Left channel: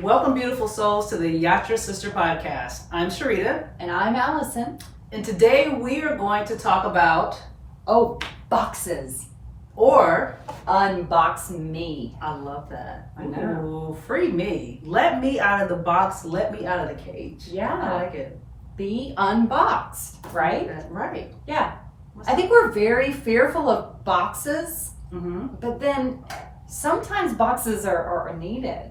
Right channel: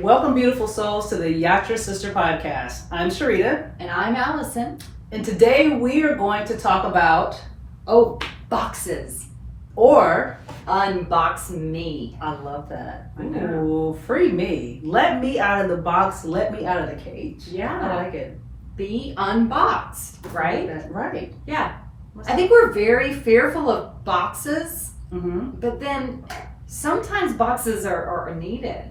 Welcome, beautiful souls, to the Yatra Sister Podcast. I'm Sharita. And I'm Allison. And today we are going to talk about... boxes. Or... Unbox Me. I love that. I know. Ooh, free me. Let me out of the box. Let me out of the cage. Yeah. I like it. Be unboxed, right? Right. Yeah. I think we're very fearful of boxes, but then sometimes boxes are needed.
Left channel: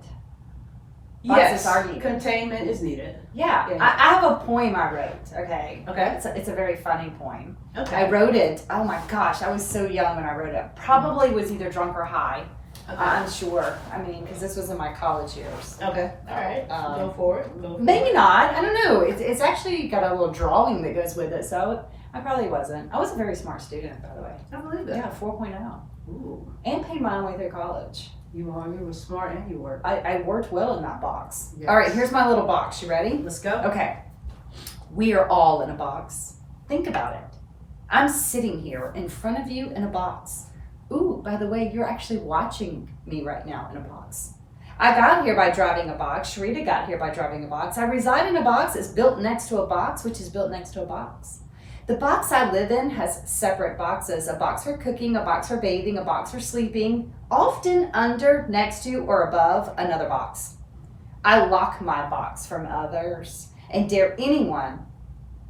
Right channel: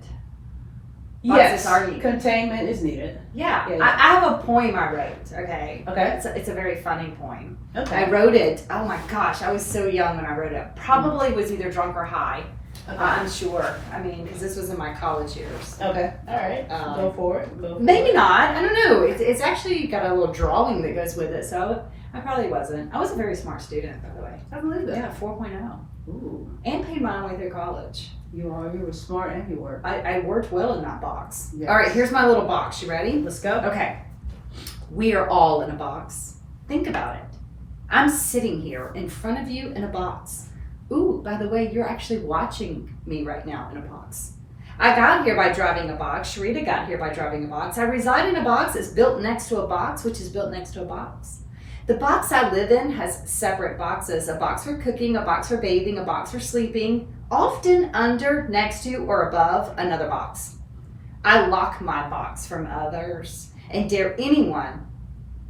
Boxes are needed. Containment is needed. Yeah. Yeah. I have a poem I wrote, okay? Okay. It's a very funny poem. Okay. I wrote it, oh my gosh, I was so young when I wrote it. Probably was either drunk or high. Okay. I'm sure. I mean, because this was in my college years. Okay. All right. Go for it. Maybe not. I don't know. It's actually got a little drawing that goes with it, so I probably wasn't. I was a very smart student, by the way. I believe that. Yeah, 4.0. Ooh. And paid my way through college. You were smart and you worked. I worked well in that box. Yes. All right, here's my little box. You ready? Let's go. Okay. We are all in a box. Think about it. I'm sitting here in front of you in a box. Ooh, by the way, you're actually watching me right now in a box. I got here by driving a box. Sharita got here by driving a box. I reside in a box. It's built next to a box, which is built next to a box. The box I live in has separate boxes. A box for cooking, a box for bathing, a box for sleeping, often under, next to, or above another box. I lock my box from others and dare anyone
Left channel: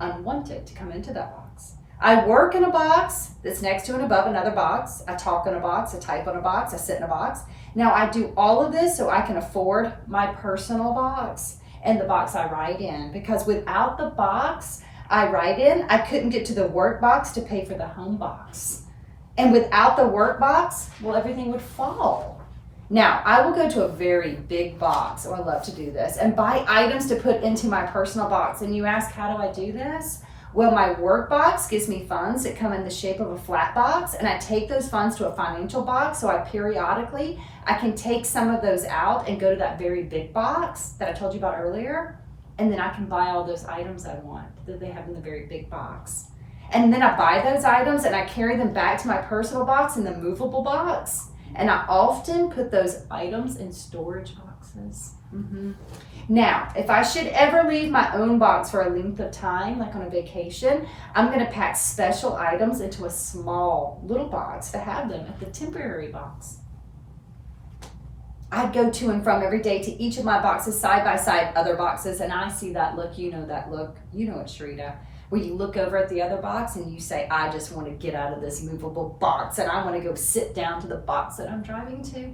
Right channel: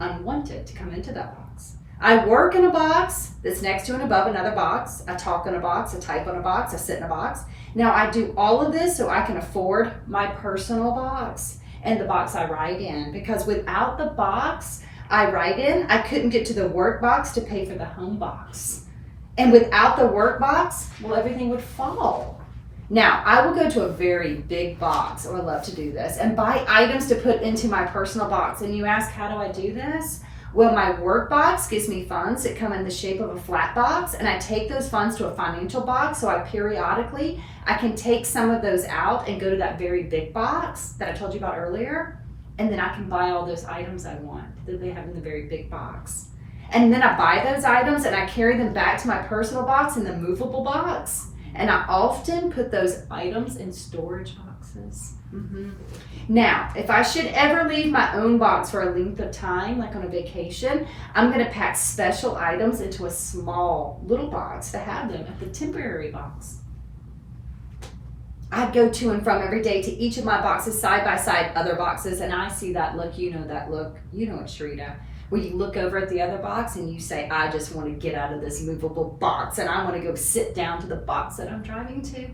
unwanted to come into that box. I work in a box that's next to and above another box. I talk in a box, I type in a box, I sit in a box. Now I do all of this so I can afford my personal box and the box I write in, because without the box I write in, I couldn't get to the work box to pay for the home box. And without the work box, well, everything would fall. Now, I will go to a very big box, I love to do this, and buy items to put into my personal box. And you ask, how do I do this? Well, my work box gives me funds that come in the shape of a flat box, and I take those funds to a financial box, so I can take some of those out and go to that very big box that I told you about earlier, and then I can buy all those items I want that they have in the very big box. And then I buy those items and I carry them back to my personal box in the movable box, and I often put those items in storage boxes. Now, if I should ever leave my own box for a length of time, like on a vacation, I'm going to pack special items into a small little box to have them at the temporary box. I go to and from every day to each of my boxes side by side, other boxes, and I see that look. You know that look. You know it, Sharita. Where you look over at the other box and you say, I just want to get out of this movable box and I want to go sit down to the box that I'm driving to.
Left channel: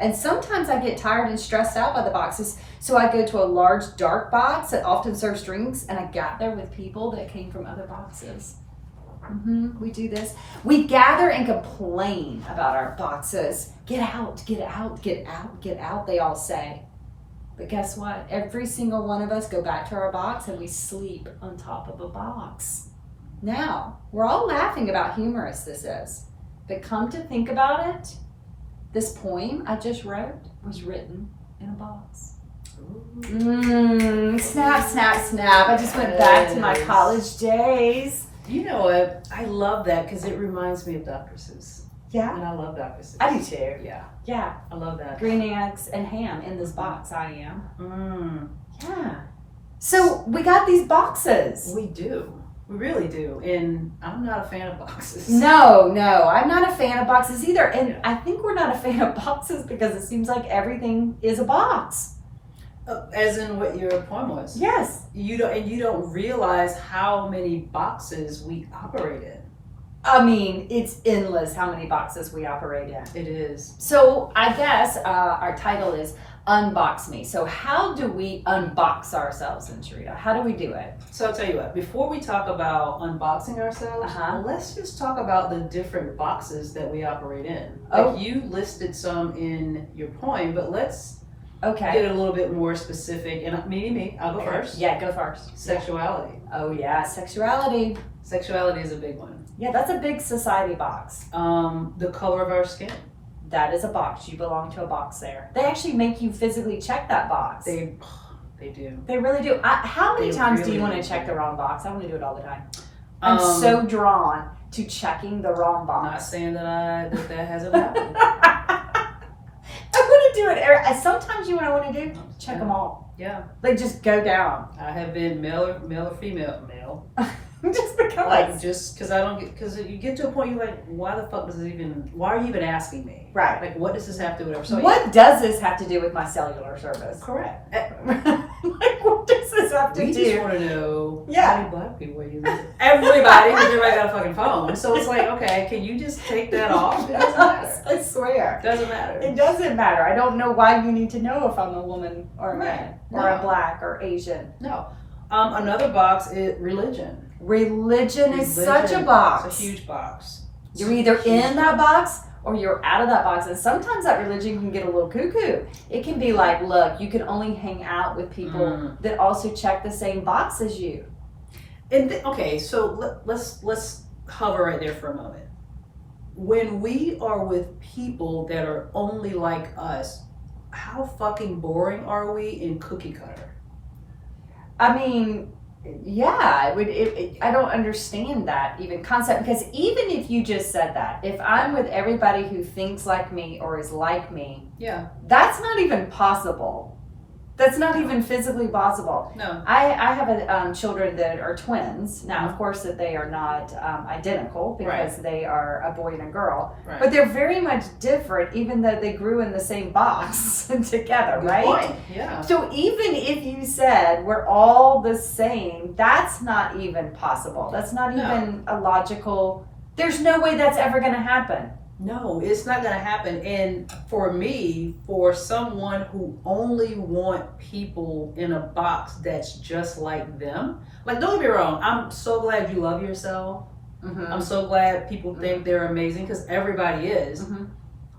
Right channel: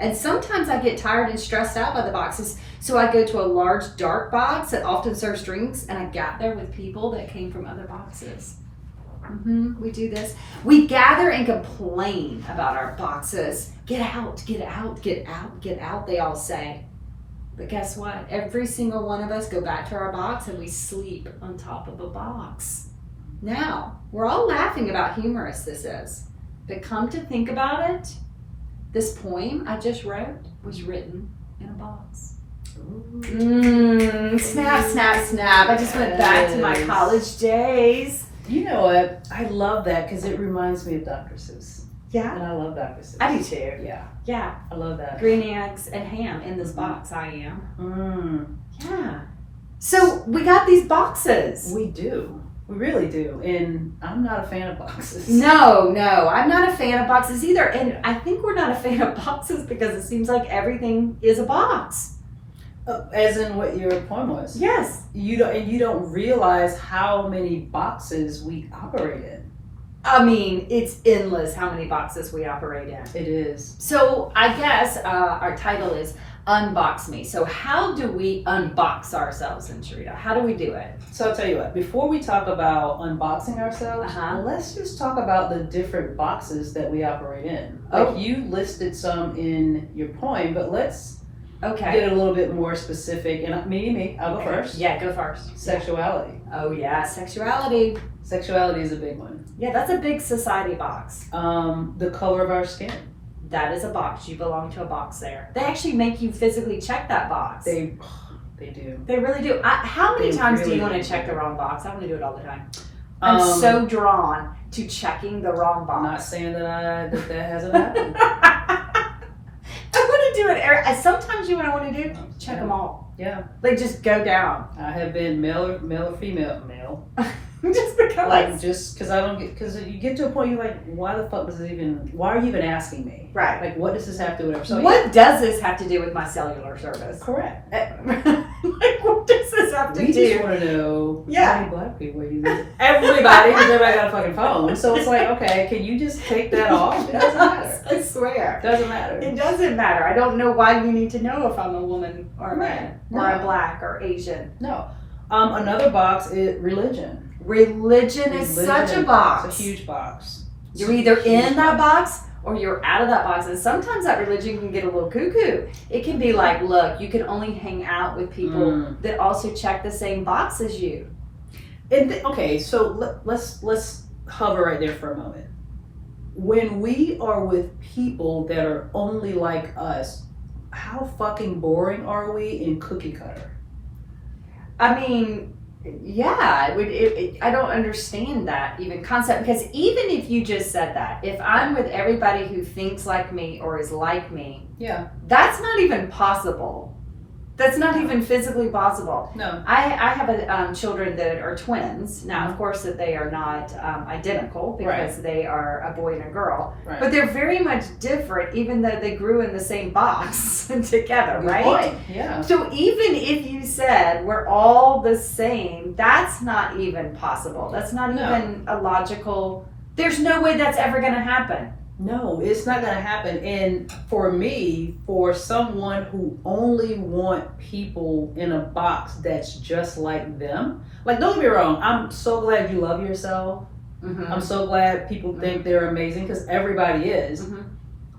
And sometimes I get tired and stressed out by the boxes, so I go to a large dark box that often serves drinks, and I gather with people that came from other boxes. We do this. We gather and complain about our boxes. Get out, get out, get out, get out, they all say. But guess what? Every single one of us go back to our box and we sleep on top of a box. Now, we're all laughing about how humorous this is, but come to think about it, this poem I just wrote was written in a box. Snap, snap, snap. I just went back to my college days. You know what? I love that because it reminds me of Dr. Seuss. Yeah. And I love Dr. Seuss. I do too. Yeah. Yeah. I love that. Green eggs and ham in this box, I am. Mm. Yeah. So we got these boxes. We do. We really do. And I'm not a fan of boxes. No, I'm not a fan of boxes either. And I think we're not a fan of boxes because it seems like everything is a box. As in what your poem was. Yes. You don't realize how many boxes we operate in. I mean, it's endless how many boxes we operate in. It is. So I guess our title is Unbox Me. So how do we unbox ourselves in Sharita? How do we do it? So I'll tell you what, before we talk about unboxing ourselves, let's just talk about the different boxes that we operate in. Like you listed some in your poem, but let's get a little bit more specific. And I'll go first. Yeah, go first. Sexuality. Oh yeah, sexuality. Sexuality is a big one. Yeah, that's a big society box. The color of our skin. That is a box. You belong to a box there. They actually make you physically check that box. They do. They really do. How many times do you want to check the wrong box? I want to do it all the time. I'm so drawn to checking the wrong box. I'm not saying that hasn't happened. I want to do it. Sometimes you know what I want to do? Check them all. Yeah. Like just go down. I have been male or female. Just because. Like just because you get to a point you're like, why are you even asking me? Right. Like what does this have to do with it? So what does this have to do with my cellular service? Correct. Like what does this have to do? We just want to know how many black people are you with? Everybody got a fucking phone. So it's like, okay, can you just take that off? It doesn't matter. I swear. It doesn't matter. It doesn't matter. I don't know why you need to know if I'm a woman or a man or a black or Asian. No. Another box is religion. Religion is such a box. It's a huge box. You're either in that box or you're out of that box. And sometimes that religion can get a little cuckoo. It can be like, look, you can only hang out with people that also check the same box as you. And okay, so let's hover right there for a moment. When we are with people that are only like us, how fucking boring are we in cookie cutter? I mean, yeah, I don't understand that even concept, because even if you just said that, if I'm with everybody who thinks like me or is like me, that's not even possible. That's not even physically possible. No. I have children that are twins. Now, of course, that they are not identical because they are a boy and a girl. Right. But they're very much different, even though they grew in the same box together, Good right? point. Yeah. So even if you said we're all the same, that's not even possible. That's not even a logical. There's no way that's ever going to happen. No, it's not going to happen. And for me, for someone who only want people in a box that's just like them, like don't get me wrong, I'm so glad you love yourself. Mm-hmm. I'm so glad people think they're amazing because everybody is. Mm-hmm.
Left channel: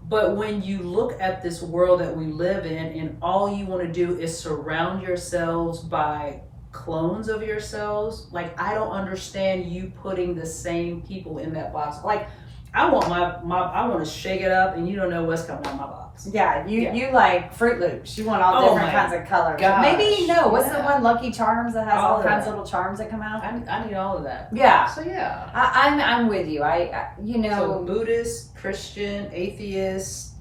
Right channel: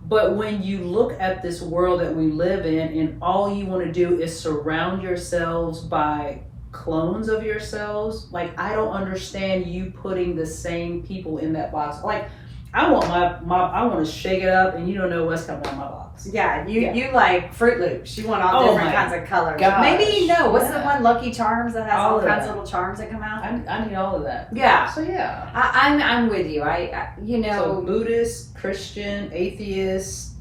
But when you look at this world that we live in and all you want to do is surround yourselves by clones of yourselves, like I don't understand you putting the same people in that box. Like I want I want to shake it up and you don't know what's coming out of my box. Yeah, you like Fruit Loops. You want all different kinds of colors. Gosh. Maybe what's the one, Lucky Charms, that has all kinds of little charms that come out? I need all of that. Yeah. So yeah. I'm with you. So Buddhist, Christian, atheist,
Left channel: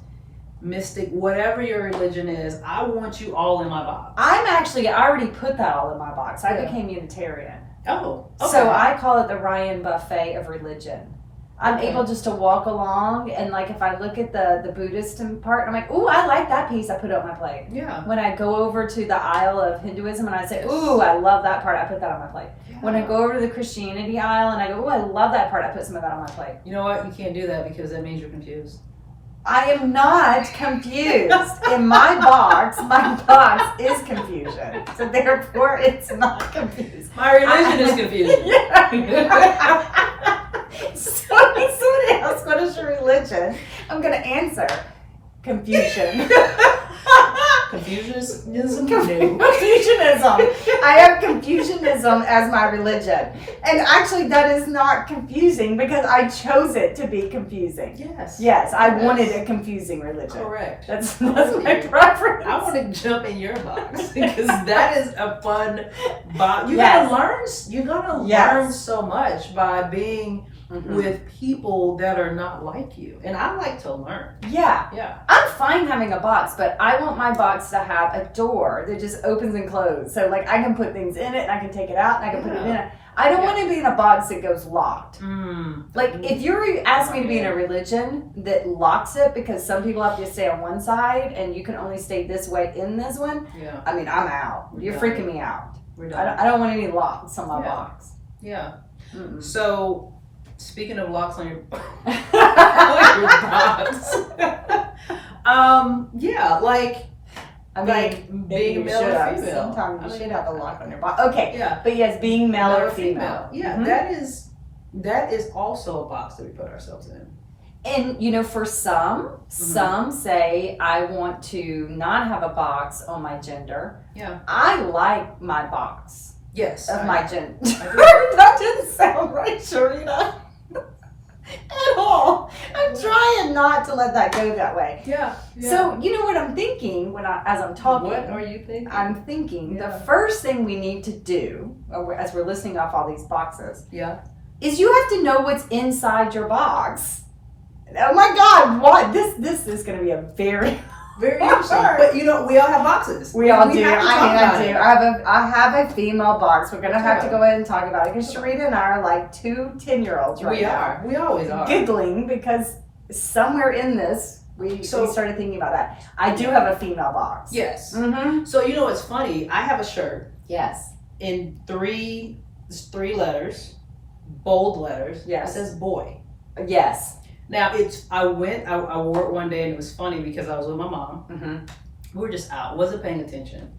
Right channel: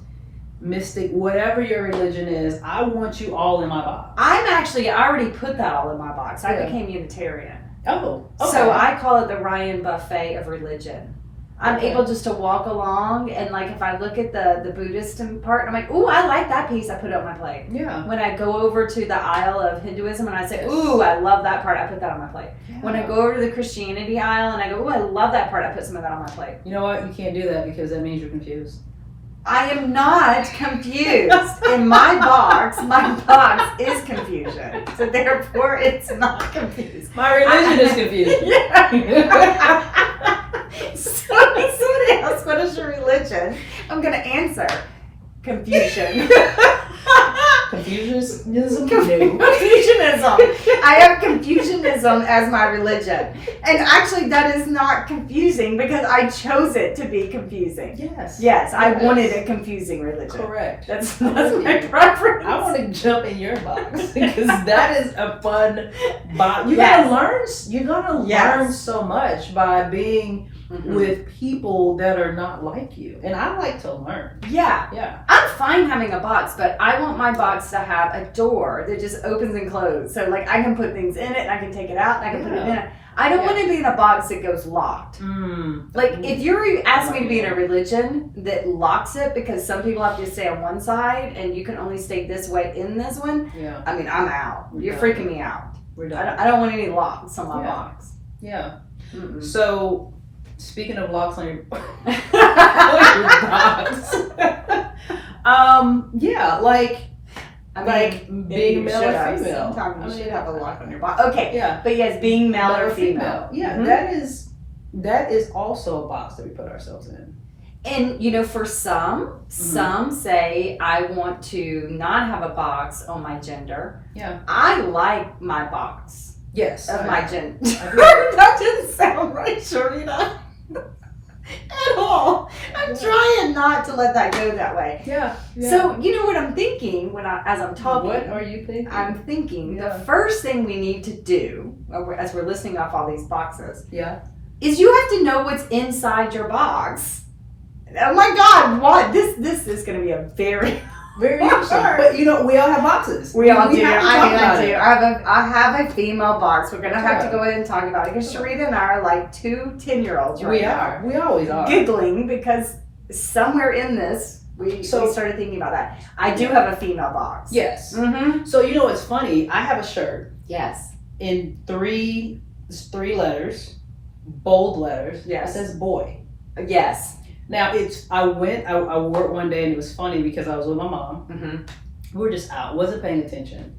mystic, whatever your religion is, I want you all in my box. I already put that all in my box. I became Unitarian. Oh. Okay. So I call it the Ryan Buffet of religion. I'm able just to walk along, and like if I look at the Buddhist part, I'm like, ooh, I like that piece, I put it on my plate. Yeah. When I go over to the aisle of Hinduism and I say, ooh, I love that part, I put that on my plate. Yeah. When I go over to the Christianity aisle and I go, ooh, I love that part, I put some of that on my plate. You know what? You can't do that because that means you're confused. I am not confused. In my box is confusion. So therefore, it's not confused. My religion is confused. So when somebody asks, what is your religion? I'm going to answer, confusion. Confusionism? Confusionism. I have Confusionism as my religion. And actually, that is not confusing because I chose it to be confusing. Yes, I wanted a confusing religion. Correct. That's my preference. I want to jump in your box because that is a fun box. You're gonna learn so much by being with people that are not like you. And I like to learn. Yeah. I'm fine having a box, but I want my box to have a door that just opens and closes. So like I can put things in it and I can take it out and I can put it in it. I don't want to be in a box that goes locked. Like if you're asking me to be in a religion that locks it because some people have to stay on one side and you can only stay this way in this one, I mean, I'm out. You're freaking me out. I don't want any locks on my box. Yeah. So speaking of locks on your, box, being male or female. Sometimes you should have a lock on your box. Okay, but yes, being male or female. Yeah, that is also a box that we put ourselves in. And for some say I want to not have a box on my gender. Yeah, I like my box. Yes, of my gender. That didn't sound right, Sharita. At all. I'm trying not to let that go that way. Yeah. So you know what I'm thinking as I'm talking? What are you thinking? I'm thinking the first thing we need to do, as we're listing off all these boxes, is you have to know what's inside your box. Oh my God, what? This is going to be a very interesting. But we all have boxes. We all do. I do. I have a female box. We're gonna have to go ahead and talk about it because Sharita and I are like 2 10-year-olds right now. We always are. Giggling because somewhere in this we started thinking about that. I do have a female box. Yes. Mm-hmm. So what's funny? I have a shirt. Yes. In three letters, bold letters. Yes. It says boy. Yes. Now I wore it one day and it was funny because I was with my mom. Mm-hmm. We were just out, wasn't paying attention.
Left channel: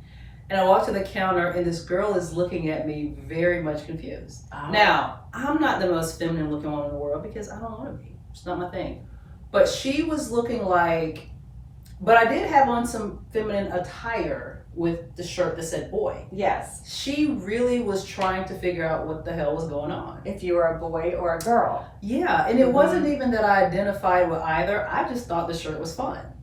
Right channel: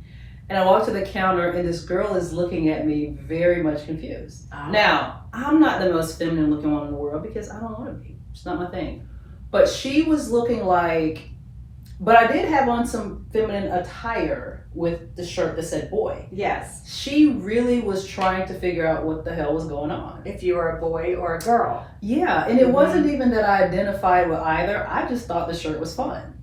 And I walked to the counter and this girl is looking at me very much confused. Oh. Now, I'm not the most feminine looking one in the world because I don't want to be. It's not my thing. But she was looking like, but I did have on some feminine attire with the shirt that said boy. Yes. She really was trying to figure out what the hell was going on. If you were a boy or a girl. Yeah, and it wasn't even that I identified with either. I just thought the shirt was fun.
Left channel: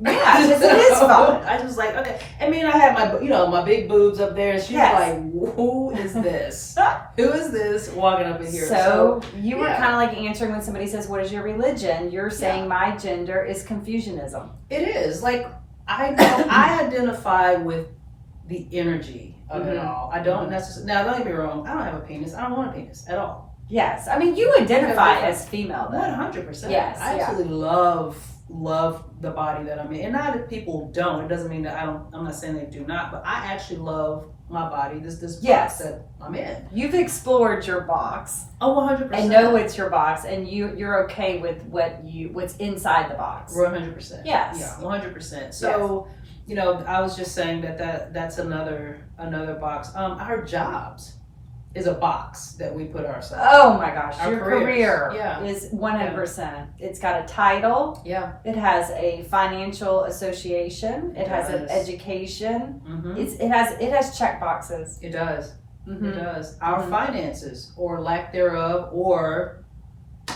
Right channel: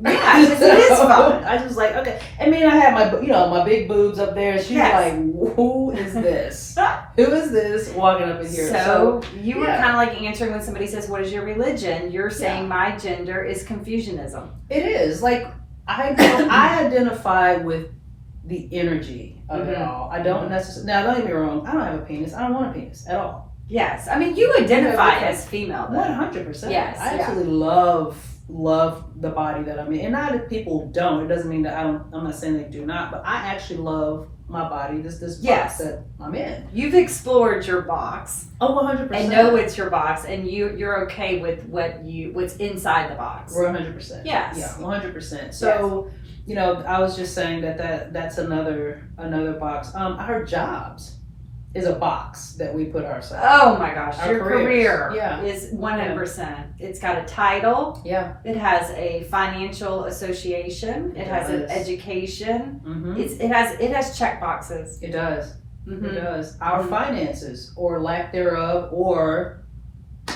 Yeah, it is fun. I just like, okay. I mean, I had my big boobs up there, and she's Yes. like, who is this? Who is this walking up in here? So you were kind of like answering when somebody says, what is your religion? You're saying my gender is Confucianism. It is. Like, I identify with the energy of it all. I don't necessarily, now don't get me wrong, I don't have a penis. I don't want a penis at all. Yes. I mean, you identify as female, though. 100%. Yes. I absolutely love the body that I'm in. And not that people don't. It doesn't mean that I'm not saying they do not, but I actually love my body, this box that I'm in. You've explored your box. Oh, 100%. And know it's your box, and you're okay with what's inside the box. 100%. Yes. Yeah, 100%. So, I was just saying that's another box. Our jobs is a box that we put ourselves. Oh my gosh, Our your careers. career is 100%. It's got a title. Yeah. It has a financial association. It has an education. Mm-hmm. It has check boxes. It does. Mm-hmm. It does. Our finances, or lack thereof, or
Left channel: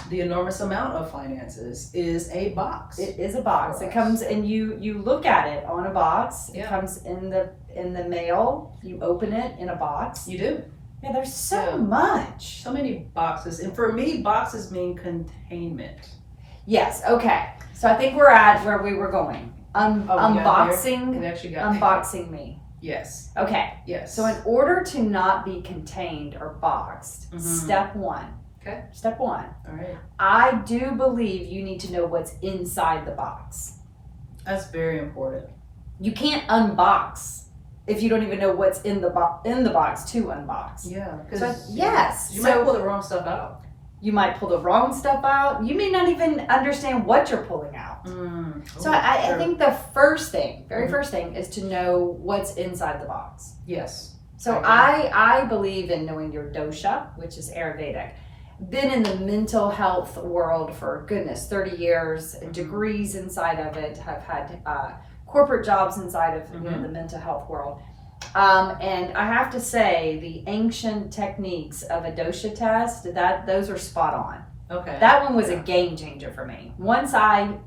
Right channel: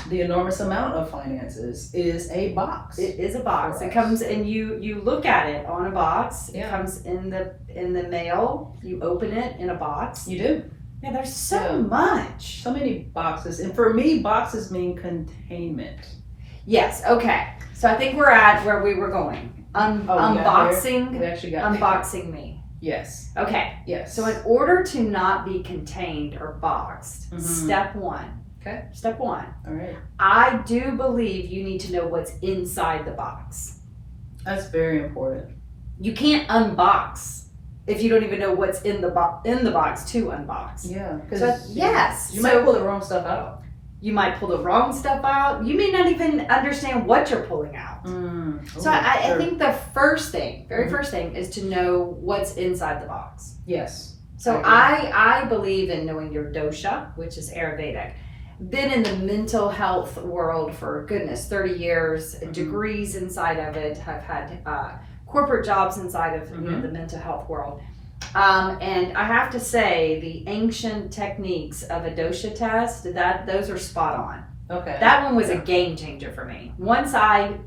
the enormous amount of finances is a box. It is a box. It comes and you look at it on a box. Yeah. It comes in the mail. You open it in a box. You do. Yeah, there's so much. So many boxes. And for me, boxes mean containment. Yes, okay. So I think we're at where we were going. Unboxing. We actually got Unboxing Me. Yes. Okay. Yes. So in order to not be contained or boxed, step one. Okay. Step one. All right. I do believe you need to know what's inside the box. That's very important. You can't unbox if you don't even know what's in the box to unbox. Yeah. Because you might pull the wrong stuff out. You might pull the wrong stuff out. You may not even understand what you're pulling out. So I think the first thing, first thing, is to know what's inside the box. Yes. So I believe in knowing your dosha, which is Ayurvedic. Been in the mental health world for, goodness, 30 years, degrees inside of it. Have had corporate jobs inside of the mental health world. And I have to say, the ancient techniques of a dosha test, those are spot on. Okay. That one was a game changer for me. Once I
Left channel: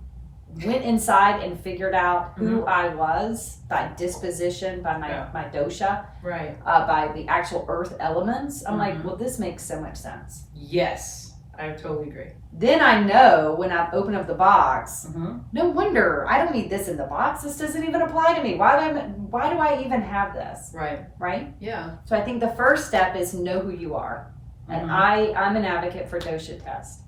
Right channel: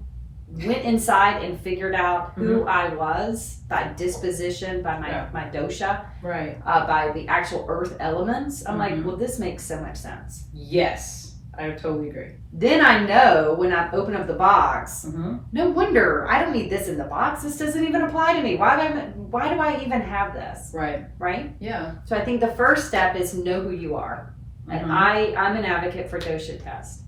went inside and figured out who I was by disposition, by my dosha, right, by the actual earth elements, I'm like, well, this makes so much sense. Yes, I totally agree. Then I know when I open up the box, no wonder I don't need this in the box. This doesn't even apply to me. Why do I even have this? Right. Right? Yeah. So I think the first step is know who you are. And I'm an advocate for dosha test.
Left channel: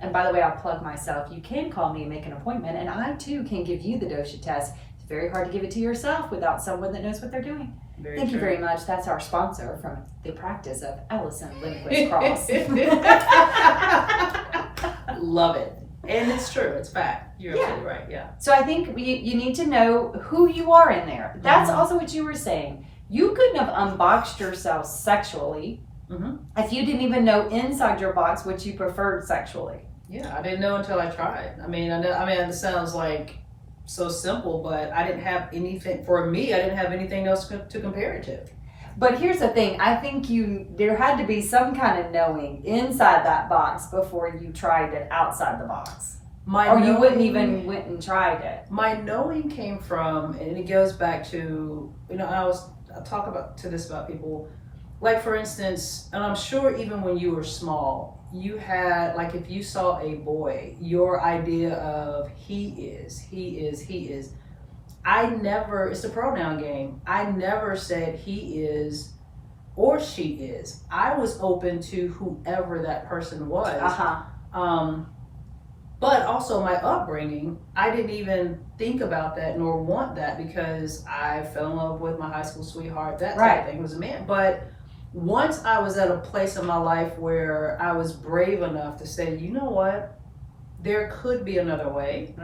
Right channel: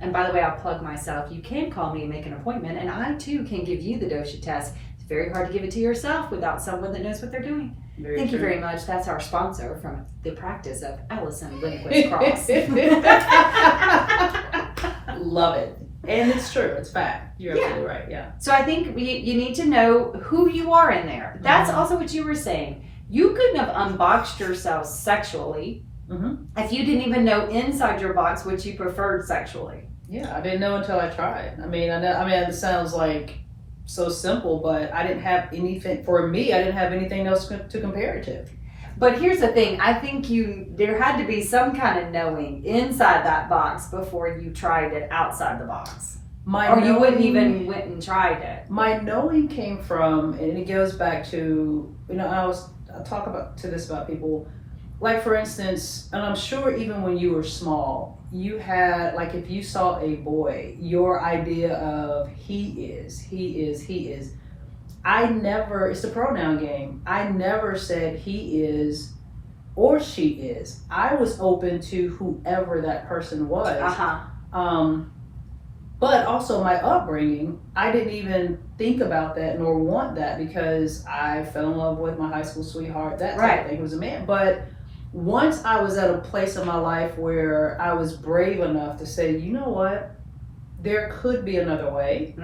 And by the way, I'll plug myself. You can call me and make an appointment, and I too can give you the dosha test. It's very hard to give it to yourself without someone that knows what they're doing. Thank you very much. That's our sponsor from the practice of Allison Lindquist Cross. Love it. And it's true. It's fact. You're absolutely right. Yeah. So I think you need to know who you are in there. That's also what you were saying. You couldn't have unboxed yourself sexually if you didn't even know inside your box what you preferred sexually. Yeah, I didn't know until I tried. I mean, it sounds like so simple, but I didn't have anything, for me, I didn't have anything else to compare it to. But here's the thing, I think there had to be some kind of knowing inside that box before you tried it outside the box. You wouldn't even went and tried it. My knowing came from, and it goes back to, I talk about people, like for instance, and I'm sure even when you were small, you had, like, if you saw a boy, your idea of he is. I never, it's a pronoun game. I never said he is or she is. I was open to whoever that person was. But also my upbringing, I didn't even think about that nor want that, because I fell in love with my high school sweetheart, that type of thing, was a man. But once I was at a place in my life where I was brave enough to say, you know what, there could be another way.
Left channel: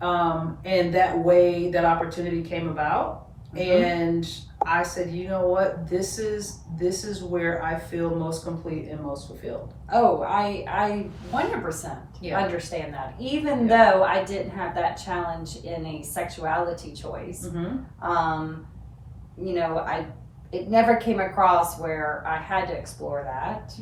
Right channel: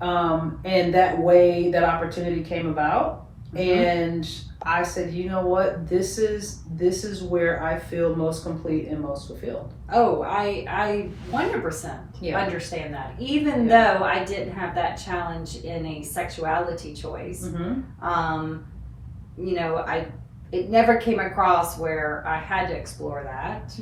And that way, that opportunity came about. And I said, you know what, this is where I feel most complete and most fulfilled. Oh, I 100% understand that. Even though I didn't have that challenge in a sexuality choice, you know, it never came across where I had to explore that.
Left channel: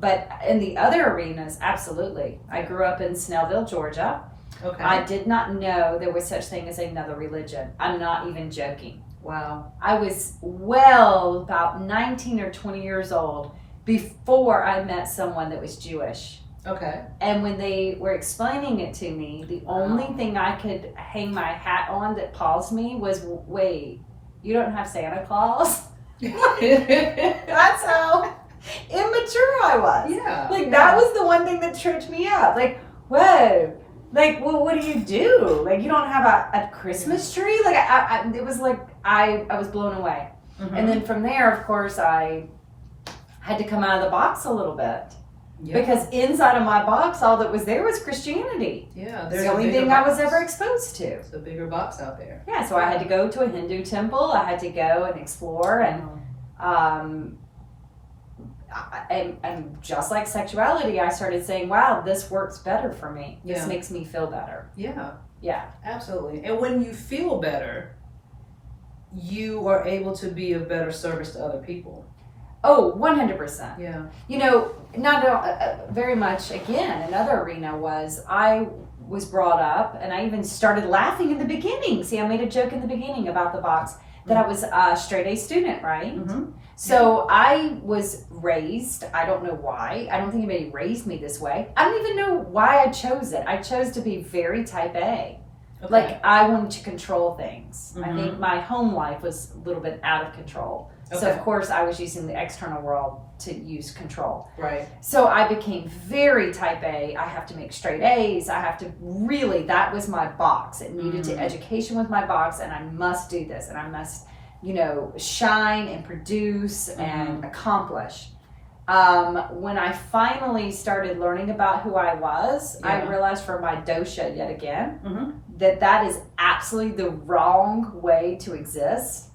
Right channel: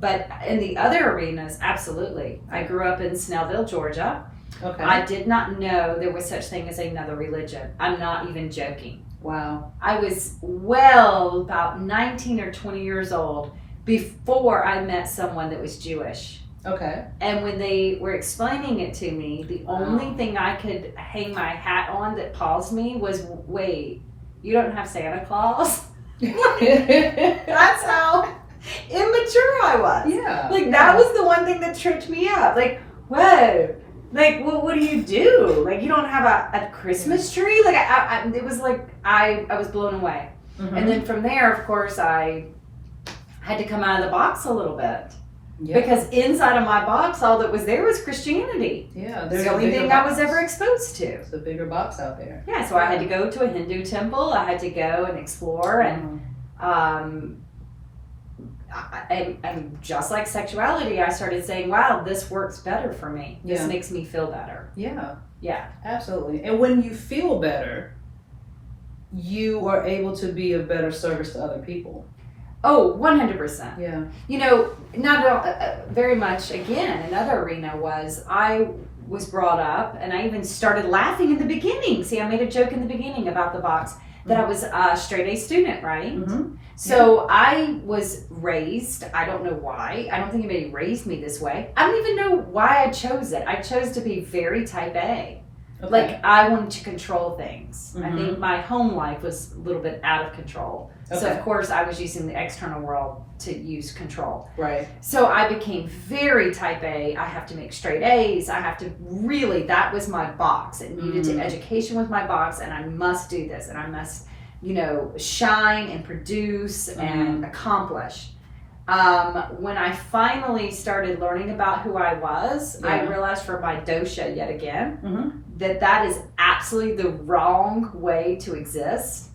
But in the other arenas, absolutely. I grew up in Snellville, Georgia. Okay. I did not know there was such thing as another religion. I'm not even joking. Wow. I was about 19 or 20 years old before I met someone that was Jewish. Okay. And when they were explaining it to me, the only thing I could hang my hat on that paused me was, wait, you don't have Santa Claus? That's how immature I was. That was the one thing that tripped me up. Like, whoa. Like, well, what do you do? Like, you don't have a Christmas tree? Like, it was like, I was blown away. And then from there, of course, I had to come out of the box a little bit. Because inside of my box, all that was there was Christianity. There's the only thing I was ever exposed to. It's a bigger box out there. So I had to go to a Hindu temple. I had to go and explore. And and just like sexuality, I started saying, wow, this works better for me. This makes me feel better. Absolutely. And when you feel better, you are able to be of better service to other people. Oh, 100%. You know, not very much, again, another arena was I was brought up, and I even started laughing in the beginning. See, I made a joke in the beginning about the box that I was a straight A student, right? So I was raised, I don't know why. I don't think anybody raised me this way. I don't even know why I chose it. I chose to be very type A. Like, I wanted to control things. I think my home life was a little bit out of control. So, of course, I was using the external world to use control. So I became very type A. I have to make straight A's. I have to really, that was my box. It needed to, education was my box, and I must do this. And I must, you know, shine and produce and accomplish. When I finally started learning about who I was, I realized from my dosha yet again that is absolutely the wrong way to exist.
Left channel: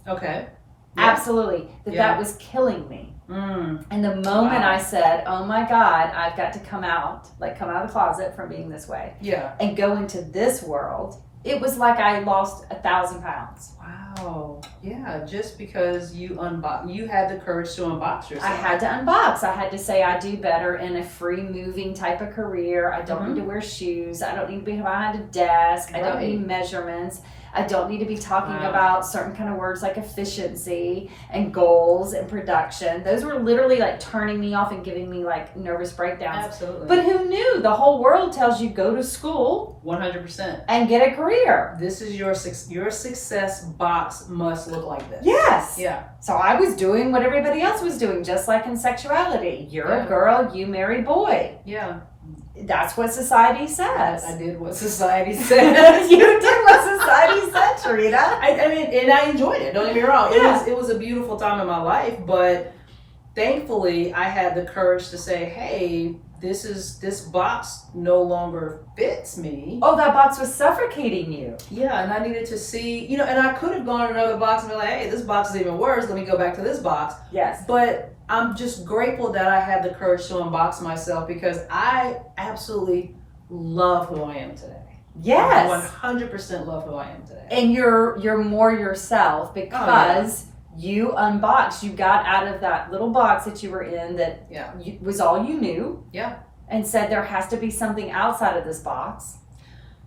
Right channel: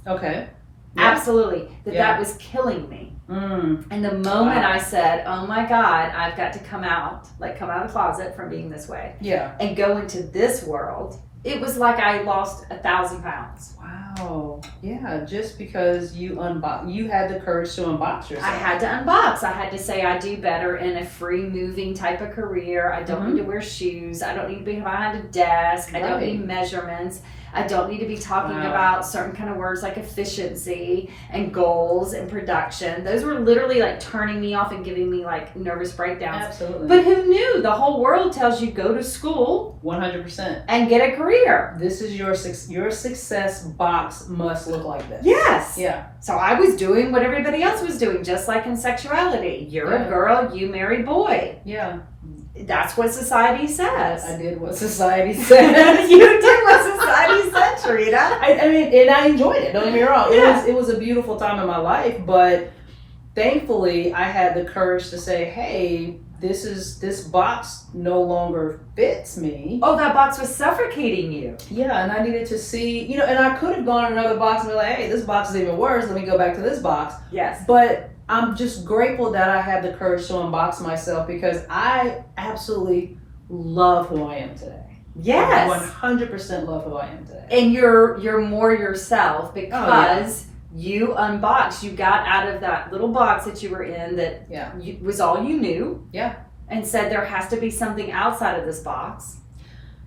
Absolutely. That was killing me. And the moment I said, oh my God, I've got to come out of the closet from being this way. And go into this world, it was like I lost 1,000 pounds. Wow. Yeah, just because you had the courage to unbox yourself. I had to unbox. I had to say I do better in a free moving type of career. I don't need to wear shoes. I don't need to be behind a desk. I don't need measurements. I don't need to be talking about certain kind of words like efficiency and goals and production. Those were literally like turning me off and giving me like nervous breakdowns. Absolutely. But who knew? The whole world tells you go to school 100% and get a career. This is your success box must look like this. Yes. So I was doing what everybody else was doing, just like in sexuality. You're a girl, you marry boy. That's what society says. I did what society said. You did what society said, Sharita. I mean, and I enjoyed it. Don't get me wrong. It was a beautiful time in my life, but thankfully I had the courage to say, hey, this box no longer fits me. Oh, that box was suffocating you. And I needed to see, you know, and I could have gone to another box and be like, hey, this box is even worse. Let me go back to this box. But I'm just grateful that I had the courage to unbox myself, because I absolutely love who I am today. Yes. I 100% love who I am today. And you're more yourself because you unboxed. You got out of that little box that you were in that was all you knew. And said there has to be something outside of this box.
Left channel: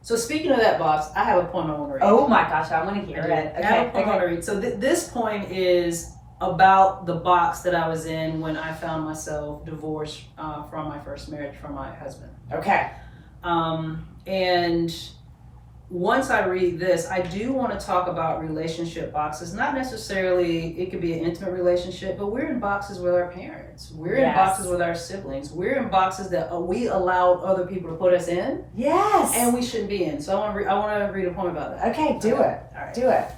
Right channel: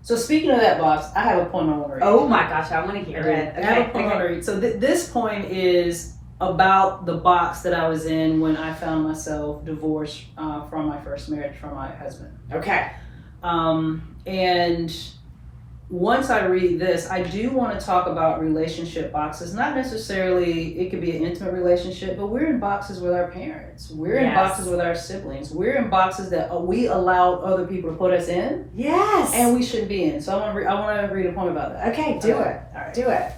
So speaking of that box, I have a point I want to read. Oh my gosh, I want to hear it. I have a point I want to read. So this point is about the box that I was in when I found myself divorced from my first marriage from my husband. Okay. And once I read this, I do want to talk about relationship boxes. Not necessarily, it could be an intimate relationship, but we're in boxes with our parents. We're in boxes with our siblings. We're in boxes that we allow other people to put us in. Yes. And we shouldn't be in. So I want to read a poem about that. Okay, do it. All right. Do it.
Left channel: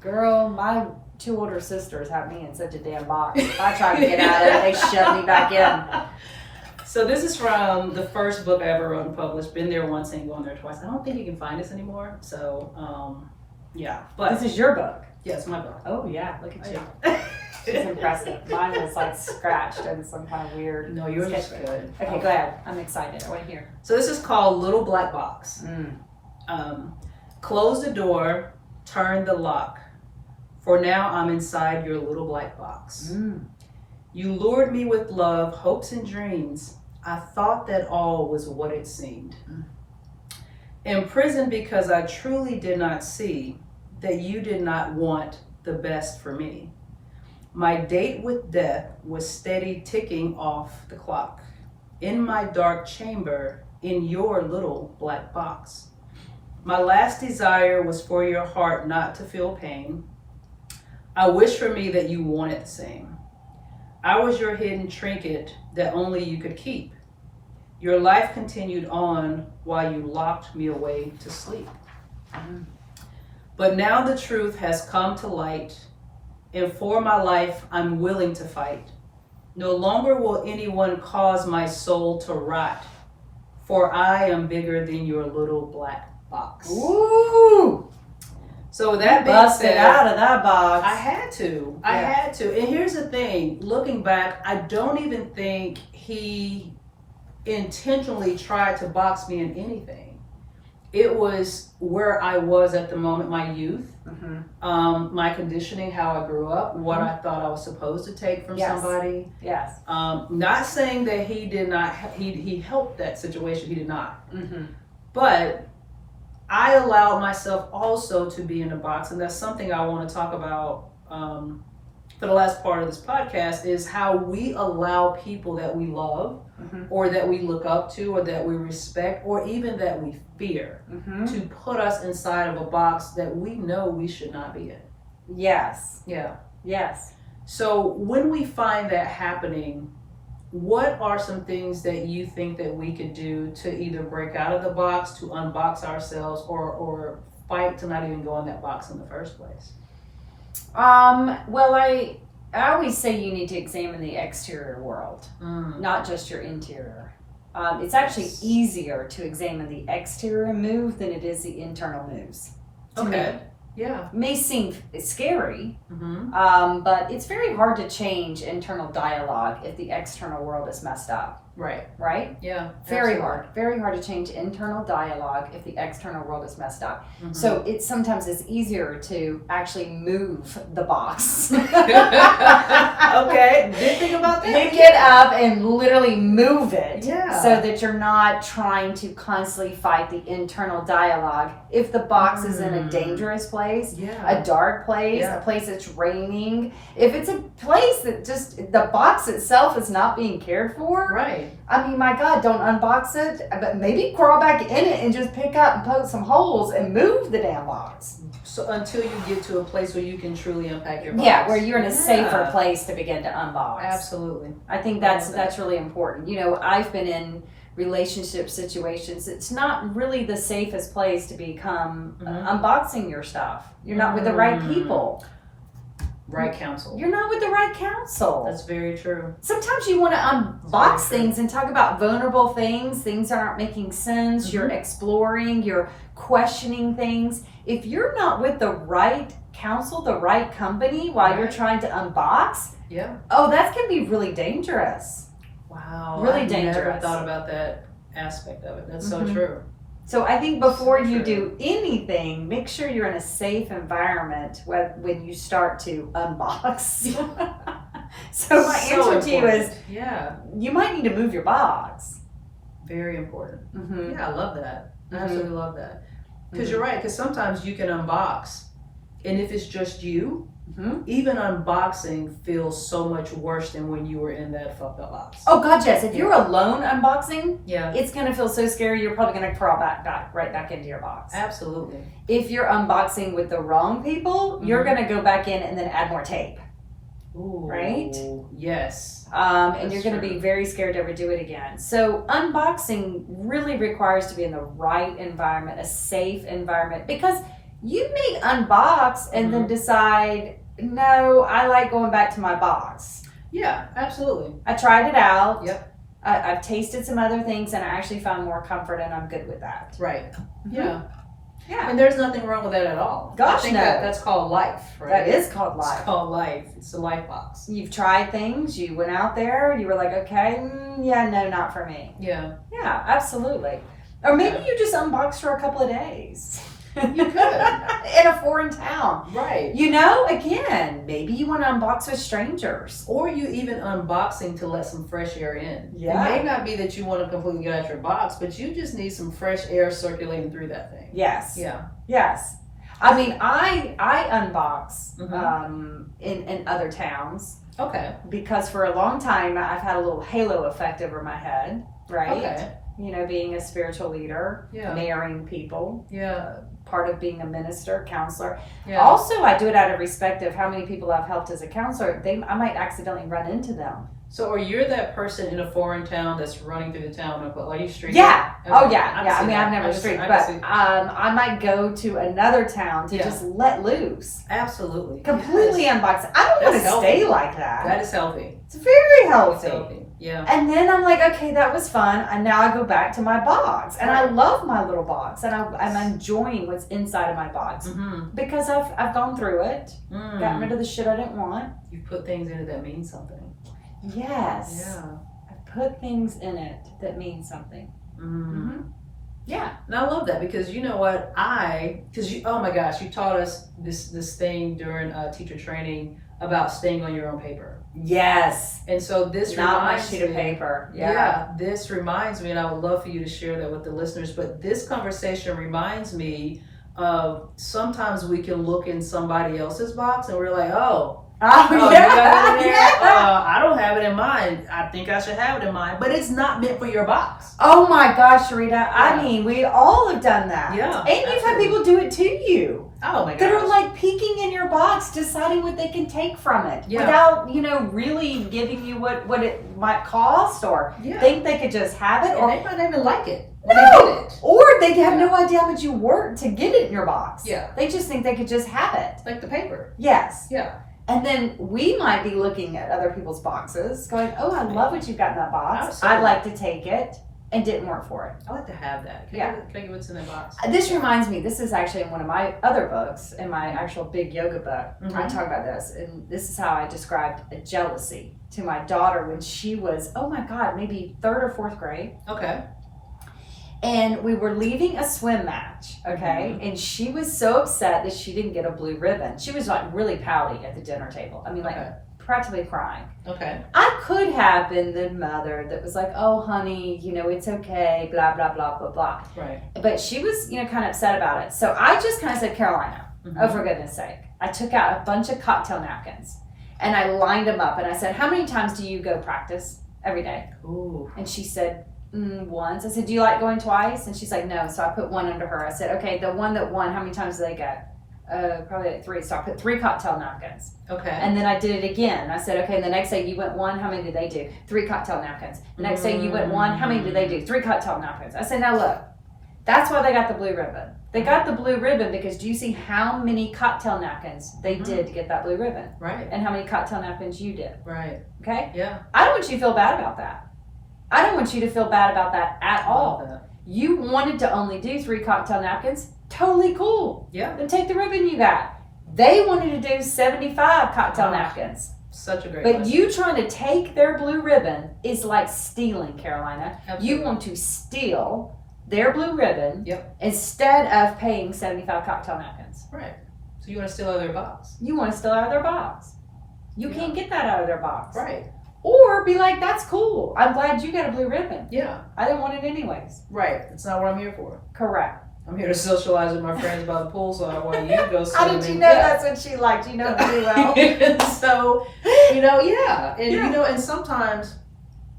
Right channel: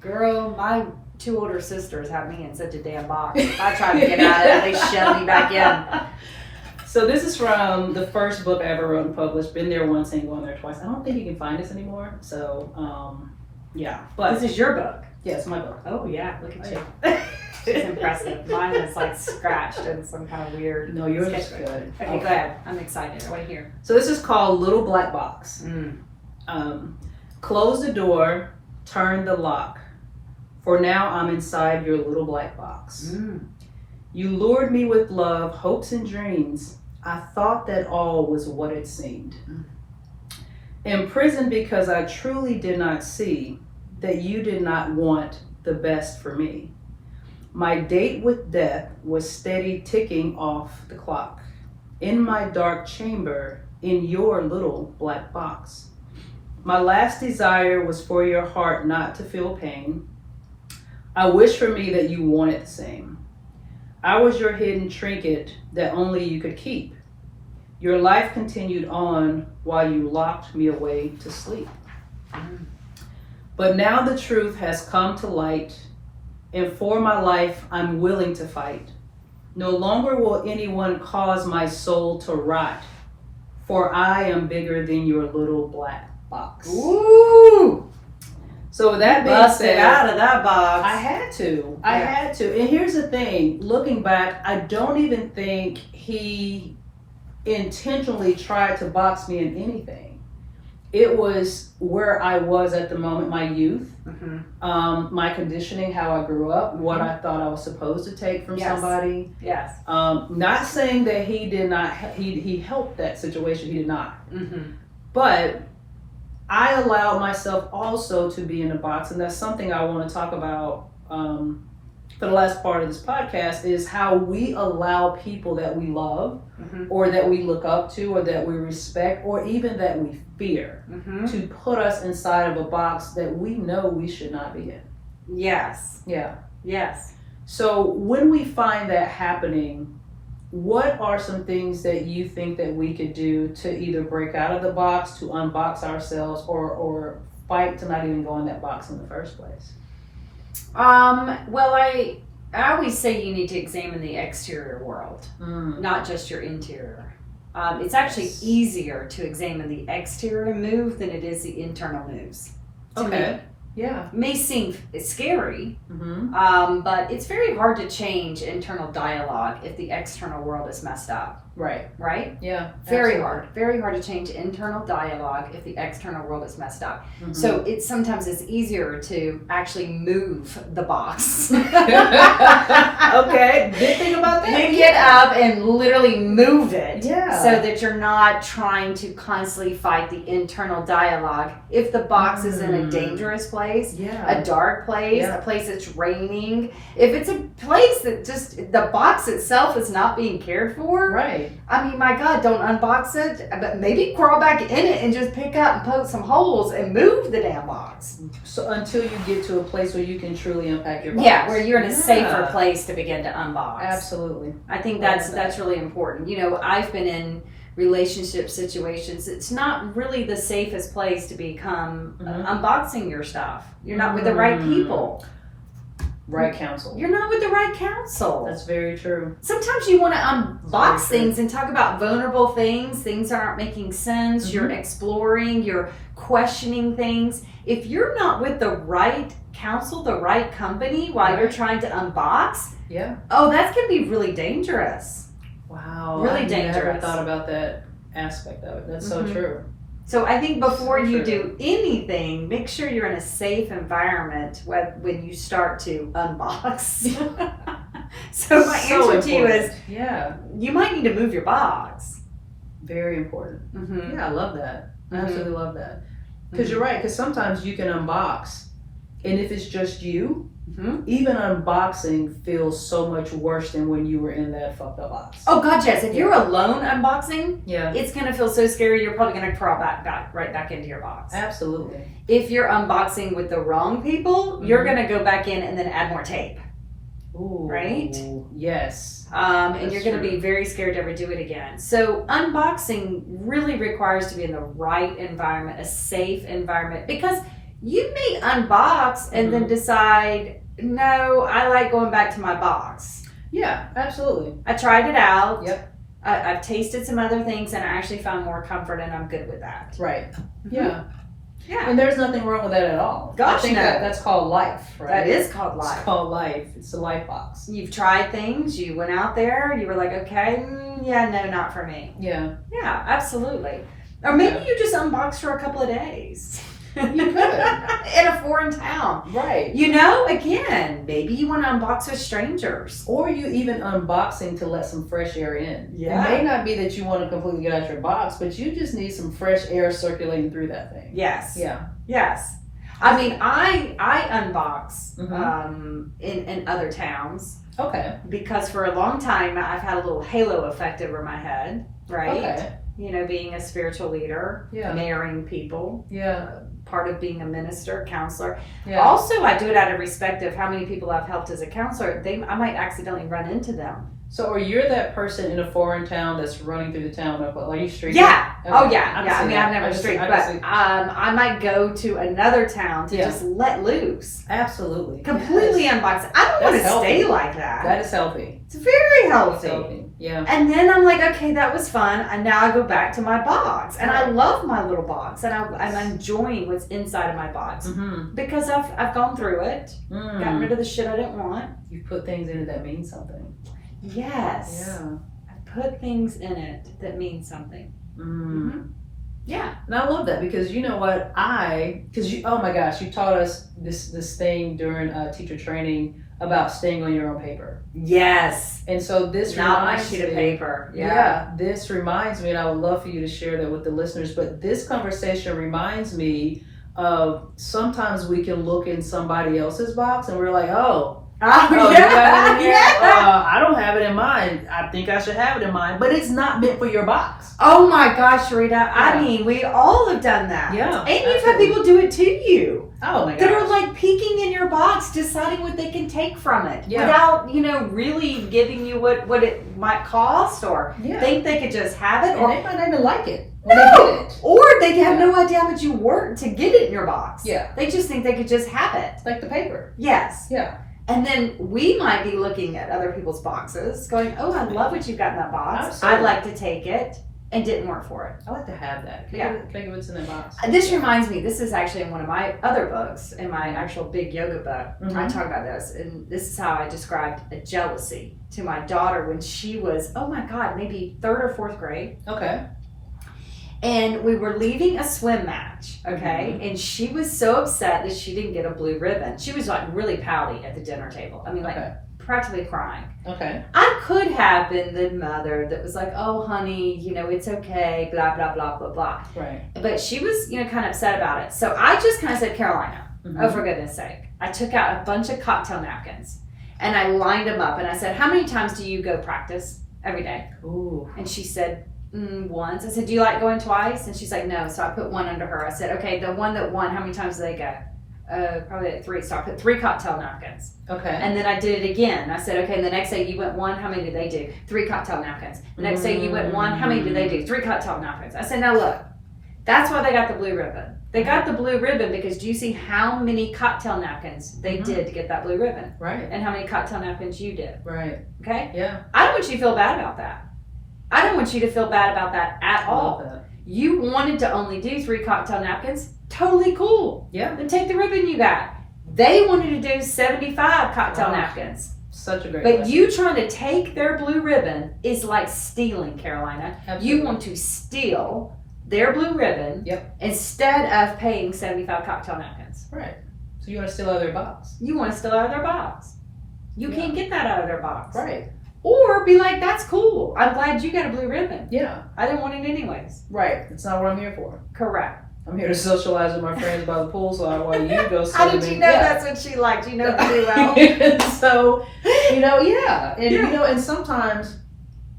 Girl, my 2 older sisters have me in such a damn box. I try to get out of it, they shove me back in. So this is from the first book I ever wrote and published. Been there once, ain't gone there twice. I don't think you can find this anymore. So, yeah. But this is your book. Yeah, it's my book. Oh yeah, look at you. She's impressive. Mine was like scratched and some kind of weird. No, yours is good. Okay, go ahead. I'm excited. I want to hear. So this is called Little Black Box. Close the door, turn the lock. For now I'm inside your little black box. You lured me with love, hopes, and dreams. I thought that all was what it seemed. Imprisoned because I truly did not see that you did not want the best for me. My date with death was steady ticking off the clock. In my dark chamber, in your little black box. My last desire was for your heart not to feel pain. I wish for me that you wanted the same. I was your hidden trinket that only you could keep. Your life continued on while you locked me away to sleep. But now the truth has come to light, and for my life I'm willing to fight. No longer will anyone cause my soul to rot, for I am bigger than your little black box. Ooh! So that being Busted said, out of that box. I had to. I had to. And here's the thing, looking back, I don't even think he intentionally tried to box me in anything. It was where I was at the moment, my youth, my conditioning, how I grew up, what I thought I was supposed to take from somebody. Yes. Not saying that he did not, he helped that situation, he did not. But I allowed myself also to be in a box, and that's something I want to talk about for the last part of this podcast, is how we allow people that we love or that we look up to or that we respect or even that we fear to put us inside of a box that we know we should not be in. Yes. Yeah. Yes. So when we find that happening, what are some things that you think that we could do to either break out of the box, to unbox ourselves, or fight to not even go in that box in the first place? Well, I always say you need to examine the exterior world, not just your interior. It's actually easier to examine the exterior move than it is the internal moves. To me. Yeah. It may seem scary, but it's very hard to change internal dialogue if the external world is messed up. Right. Right? Yeah. Very hard. Very hard to change internal dialogue if the external world is messed up. So it's sometimes it's easier to actually move the box. Okay. Good thing about that. Pick it up and literally move it. Yeah. So that you're not trying to constantly fight the internal dialogue. If the box is in a dangerous place, a dark place, a place that's raining, if it's a place that just the box itself is not being cared for. Right. I mean, my God, don't unbox it, but maybe crawl back in it and just pick up and poke some holes and move the damn box. So until you get to a place where you can truly unpack your box. Yeah, where you're in a safer place to begin to unbox. Absolutely. I think that's really important. You know, I've been in relationship situations. It's not really the safest place to become unboxing your stuff. You're not with the right people. Right counsel. You're not with the right counsel. That's very true. Sometimes you want to unbox things and talk about vulnerable things. Things aren't making sense. You're exploring. You're questioning things. If you're not with the right counsel, the right company while you're trying to unbox, that's going to be really dangerous. Wow. Really dangerous. I never thought about that aspect of it. That's so true. So I think before you do anything, make sure you're in a safe environment when you start to unbox. So my answer to you is, you might need to move your box. Very important. Yeah, I love that. I absolutely love that. Because you're right, because sometimes you can unbox And if it's just you, even unboxing feels so much worse than when you were in that fucked up box. Oh God, yes. If you're alone unboxing, yeah, it's gonna feel so scary. You're probably gonna crawl right back into your box. Absolutely. If you're unboxing with the wrong people, you're gonna go back in and then add more tape. Ooh, right? Yes. And you're going to be very scared to ever do it again. So unboxing really requires to be in the right environment, a safe environment, because you may unbox and then decide, no, I like going back to my box. Yeah, absolutely. I tried it out. Yep. I've tasted some other things and I actually found more comfort, and I'm good with that. Right. Yeah. Yeah. And there's nothing wrong with that at all. Gosh, I think no. that's called life, right? That is called life. It's called life. It's a life box. You've tried things, you went out there, you were like, okay, yeah, no, not for me. Yeah. Yeah, absolutely. Or maybe you just unboxed for a couple of days. You could. In a foreign town. Right. You know, again, maybe you want to unbox with strangers. Or you even unboxing to let some fresh air in. Yeah. It may not be that you want to completely get out your box, but you just need some fresh air circulating through that thing. Yes. Yeah. Yes. I mean, I unbox in other towns. Okay. Because for a long time, I've had a little halo effect over my head, right? Okay. You know, being a spiritual leader, marrying people. Yeah. Part of being a minister, counselor. Yeah. Also, I do it out of respect of how many people I've helped as a counselor. I might accidentally run into them. So, are you that person in a foreign town that's running through the town? Are you street? Yeah. Okay. Oh, yeah. Yeah. I mean, that. I've never street, but I might go to another town to just let loose. Absolutely. Completely unbox it. I don't want to stay like that. That is healthy. It's very healthy. It's healthy. Yeah. And then I'm like, okay, that was fun. And now I go back to my box. And I love my little box. And I'm enjoying what's inside of my box. Because I've gone through it. Gotten rid of the shit I didn't want. You put things in it that mean something. Yes. Yeah. I put things in it that mean something. Yeah. And I love that because you know what? Oh my gosh, you taught us this thing during teacher training about staying on your own paper. Yes. And so this not reminds my sheet of paper. Yeah. This reminds me, and I would love for you to share that with the listeners, but this conversation reminds me of sometimes we can look in somebody else's box and we're like, you got it in there? I don't have it in mine. I think I should have it in mine, but it's not meant for your box. Oh my gosh, Rita. I mean, we all have done that. Yeah. And you've had people do it to you. Oh my gosh. That are like peeking in your box, deciding what they can take from it without, really giving you what it might cost or think they could just have it. Or they might not even like it. No. Or they have no idea how much you worked to get it in your box. Yeah. They just think they could just have it. Like the paper. Yes. Yeah. And then we might be looking at other people's boxes going, oh, I love what you've got in that box. Absolutely. I'd like to take it, and didn't work for it. I like to have that. Can I get what's in that box? This reminds me, this is actually in one of my other books, in my actual big yoga book. I talk about this, and this is how I described a jealousy to my daughter when she was, oh my God, maybe 3rd or 4th grade. Okay. And we were leaving a swim match, okay? And she was so upset that she didn't get a blue ribbon. She was like really pouty at the dinner table. I mean, like practically crying. Okay. I could have been the mother that was like, oh, honey, it's okay, blah, blah, blah, blah, blah. Right. But she was, kind of upset about it. So I just kind of said, Carolina, oh, for goodness sake. I took out a bunch of cocktail napkins and I lined them up and I said, how many times do you go practice every day? Ooh. And she said, once. I said, do you like going twice? And she's like, no. So I put one under her. I said, okay, the one that won, how many times do they go? Probably like 3. So I put 3 cocktail napkins. Okay. And then I did it again. I said, okay, and the next day you went 1, how many did they do? 3 cocktail napkins. The next day you went 1, how many did they do? 3 cocktail napkins. I said, now look, that's why they got the blue ribbon. They got the blue ribbon because do you see how many cocktail napkins they did to get that blue ribbon? Right. And how many cocktail napkins you did? Right. Okay? Yeah. I don't want you to feel bad about that. I don't want you to feel bad about that at all. You wanted to only do 3 cocktail napkins. Totally cool. Yeah. Then take the ribbon you got. They wanted to do 75 cocktail napkins. Such a great But lesson. you trying to take their blue ribbon is like stealing, Carolina. Absolutely. You want to steal their blue ribbon instead of paying 75 cocktail napkins. Right. So you want to steal out of their box. You want to steal out of their box. You can't get that out of their box. Right. Or be like, that's cool. I'm glad you got a blue ribbon. Yeah. I didn't want it anyways. Right. It's not what I'm here for. Correct. I'm here to socialize with my friends by the poolside while you go swim. How did you know that's what she liked? You know pretty well. So, yeah. And, and sometimes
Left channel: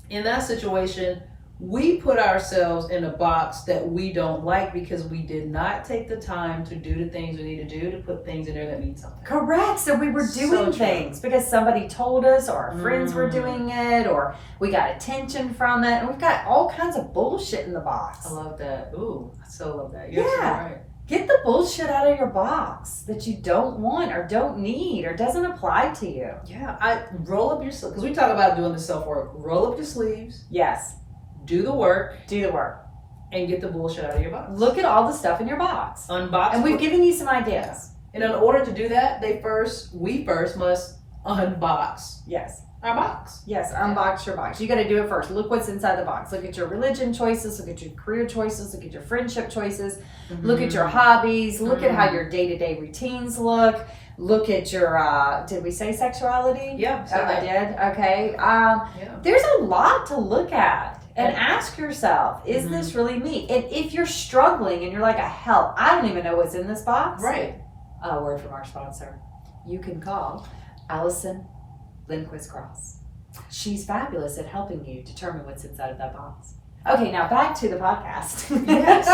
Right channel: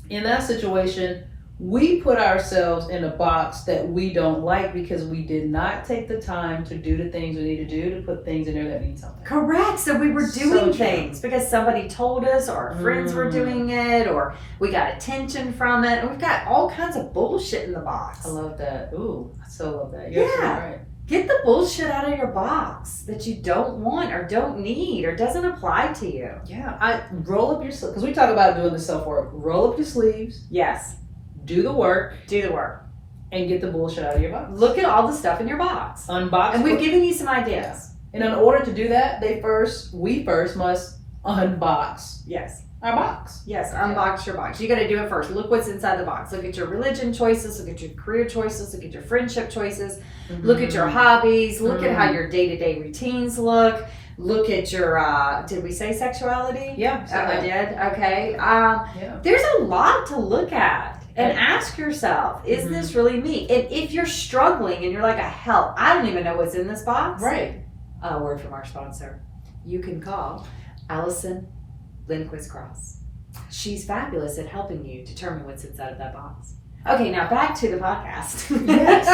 in that situation, we put ourselves in a box that we don't like because we did not take the time to do the things we need to do to put things in there that mean something. Correct. So we were doing things because somebody told us, or our friends were doing it, or we got attention from it, and we've got all kinds of bullshit in the box. I love that. Ooh, I so love that. You're right. Get the bullshit out of your box that you don't want or don't need or doesn't apply to you. Yeah. I roll up your sleeves, because we talk about doing the self-work. Roll up your sleeves. Yes. Do the work. And get the bullshit out of your box. Look at all the stuff in your box. Unbox. And we've given you some ideas. Yeah. And in order to do that, we first must unbox. Yes. Our box. Yes, unbox your box. You got to do it first. Look what's inside the box. Look at your religion choices. Look at your career choices. Look at your friendship choices. Mm-hmm. Look at your hobbies. Look at how your day-to-day routines look. Look at your, did we say sexuality? Yeah. I did. Okay. There's a lot to look at. And ask yourself, is this really me? And if you're struggling and you're like, hell, I don't even know what's in this box. Right. A word from our sponsor. You can call Allison Lindquist Cross. She's fabulous at helping you determine what's inside of that box. Okay, now back to the podcast. Yes.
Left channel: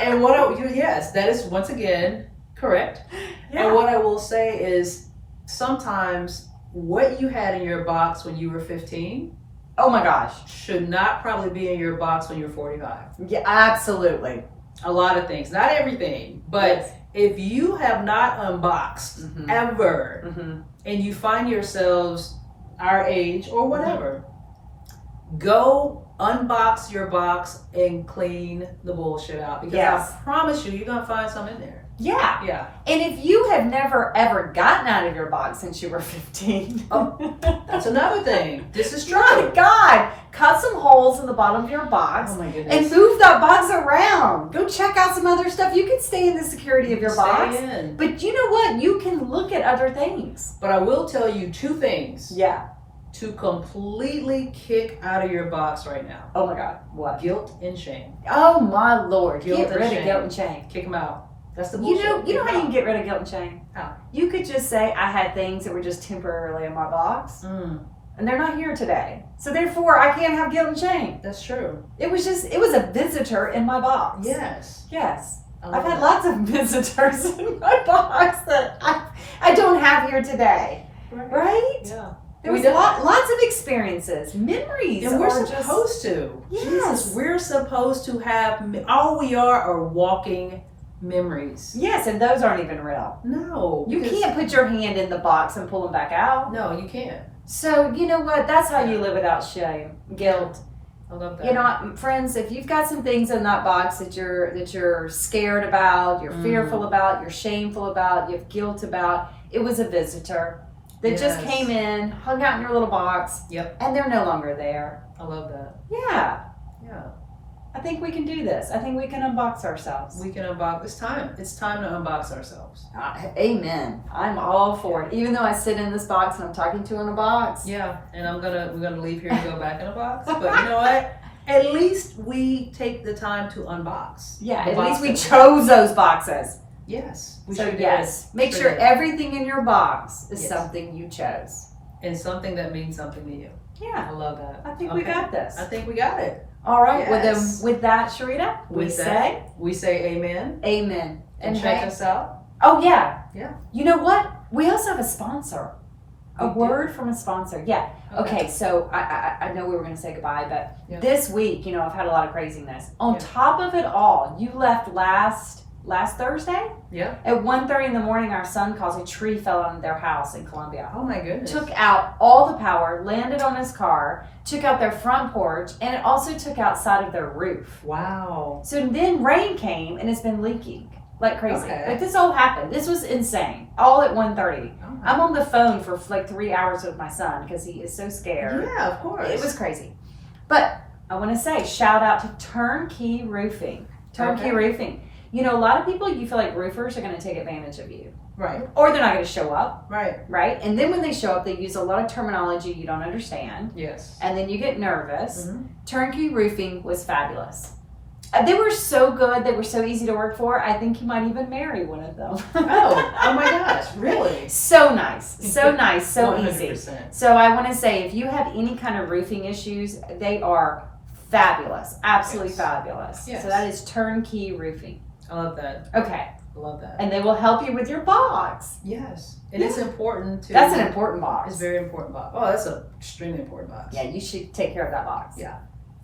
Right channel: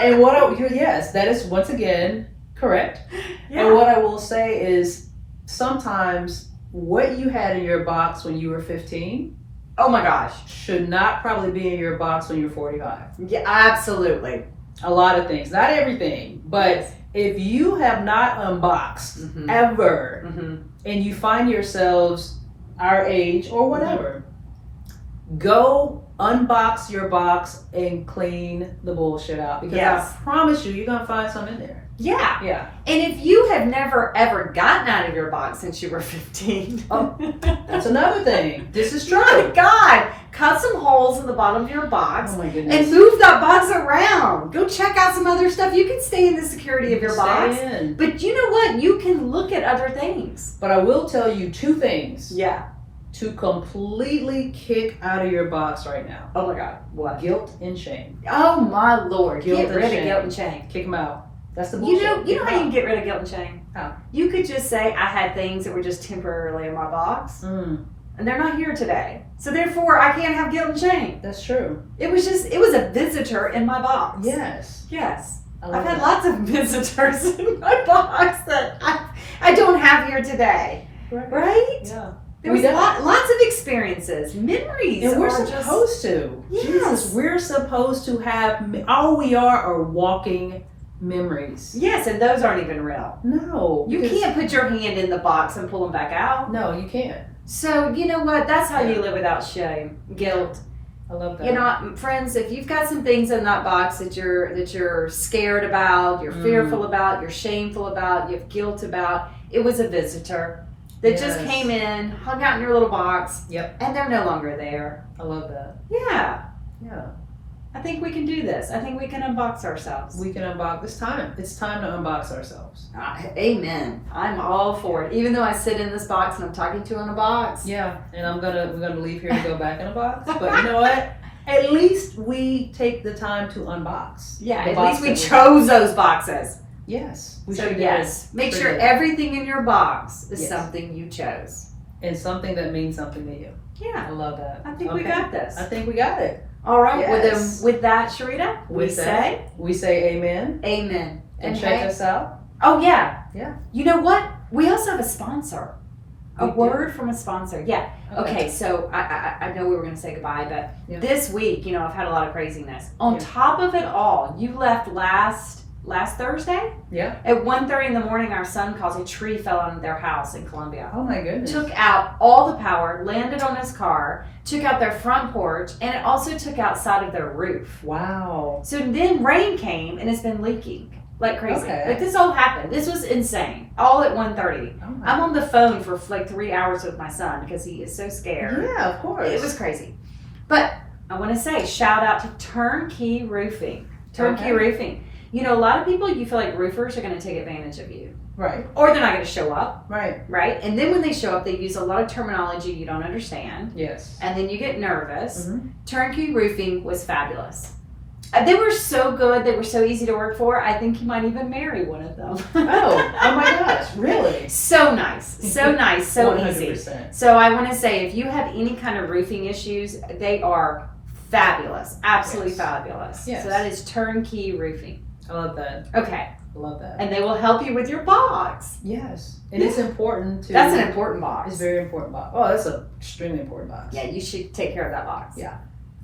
And yes, that is once again correct. Yeah. And what I will say is sometimes what you had in your box when you were 15, oh my gosh, should not probably be in your box when you're 45. Yeah, absolutely. A lot of things, not everything, but if you have not unboxed ever, and you find yourselves our age or whatever, go unbox your box and clean the bullshit out, because I promise you, you're gonna find something in there. Yeah. Yeah. And if you have never ever gotten out of your box since you were 15, that's another thing. This is true. My God, cut some holes in the bottom of your box. Oh my goodness. And move that box around. Go check out some other stuff. You can stay in the security of your box. But you know what? You can look at other things. But I will tell you two things. Yeah. To completely kick out of your box right now. Oh my God. What? Guilt and shame. Oh my Lord. Get rid of guilt and shame. Kick them out. That's the bullshit. You know how you can get rid of guilt and shame? How? You could just say, I had things that were just temporarily in my box. And they're not here today. So therefore, I can't have guilt and shame. That's true. It was a visitor in my box. Yes. I've had lots of visitors in my box that I don't have here today. Right? Yeah. There was lots of experiences, memories. And we're supposed to. Yes. Jesus, we're supposed to have, all we are walking memories. Yes, and those aren't even real. No. You can't put your hand in the box and pull them back out. No, you can't. So, you know what? That's how you live without shame, guilt. I love that. You know, friends, if you've got some things in that box that you're scared about, you're fearful about, you're shameful about, you have guilt about, it was a visitor that just came in, hung out in your little box, and they're no longer there. I love that. Yeah. Yeah. I think we can do this. I think we can unbox ourselves. We can unbox. It's time. It's time to unbox ourselves. Amen. I'm all for it. Even though I sit in this box and I'm talking to in a box. Yeah, and we're gonna leave here and go back in a box. But you know what? At least we take the time to unbox. Yeah, at least we chose those boxes. Yes. Make sure everything in your box is something you chose. And something that means something to you. Yeah. I love that. I think we got this. I think we got it. All right. Yes. Well, then with that, Sharita, we say amen. Amen. And check us out. Oh, yeah. Yeah. You know what? We also have a sponsor. A word from a sponsor. Yeah. Okay, so I know we were going to say goodbye, but this week, I've had a lot of craziness. On top of it all, you left last Thursday? Yeah. At 1:30 in the morning, our son calls a tree fell on their house in Columbia. Oh my goodness. Took out all the power, landed on his car, took out their front porch, and it also took out side of their roof. Wow. So then rain came and it's been leaking like crazy. Okay. Like this all happened. This was insane. All at 1:30. Oh I'm on the phone for like 3 hours with my son because he is so scared. Yeah, of course. It was crazy. But I want to say shout out to Turnkey Roofing. Turnkey Roofing. A lot of people, you feel like roofers are going to take advantage of you. Right. Or they're not going to show up. Right. Right? And then when they show up, they use a lot of terminology you don't understand. Yes. And then you get nervous. Turnkey Roofing was fabulous. They were so good. They were so easy to work for. I think you might even marry one of them. Oh my gosh, really? So nice, so nice, so 100%. easy. So I want to say, if you have any kind of roofing issues, they are fabulous, absolutely fabulous. Yes. So that is turnkey roofing. I love that. Okay. I love that. And they will help you with your box. Yes. And it's important to... That's an important box. It's a very important box. Oh, that's an extremely important box. Yeah, you should take care of that box. Yeah.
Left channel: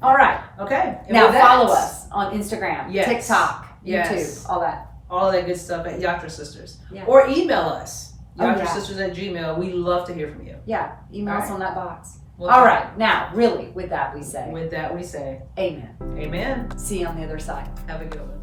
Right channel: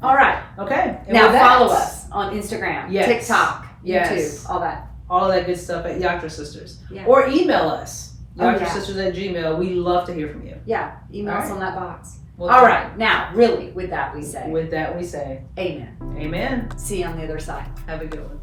All right. Okay. And now with that, follow us on Instagram, Yes. TikTok, Yes. YouTube, all that. All of that good stuff at Yatra Sisters. Yeah. Or email us. Oh, yeah. YatraSisters@gmail. We love to hear from you. Yeah, email us All right. on that box. Well, All right. Now, really, with that we say, With that we say, amen. amen. See you on the other side. Have a good one.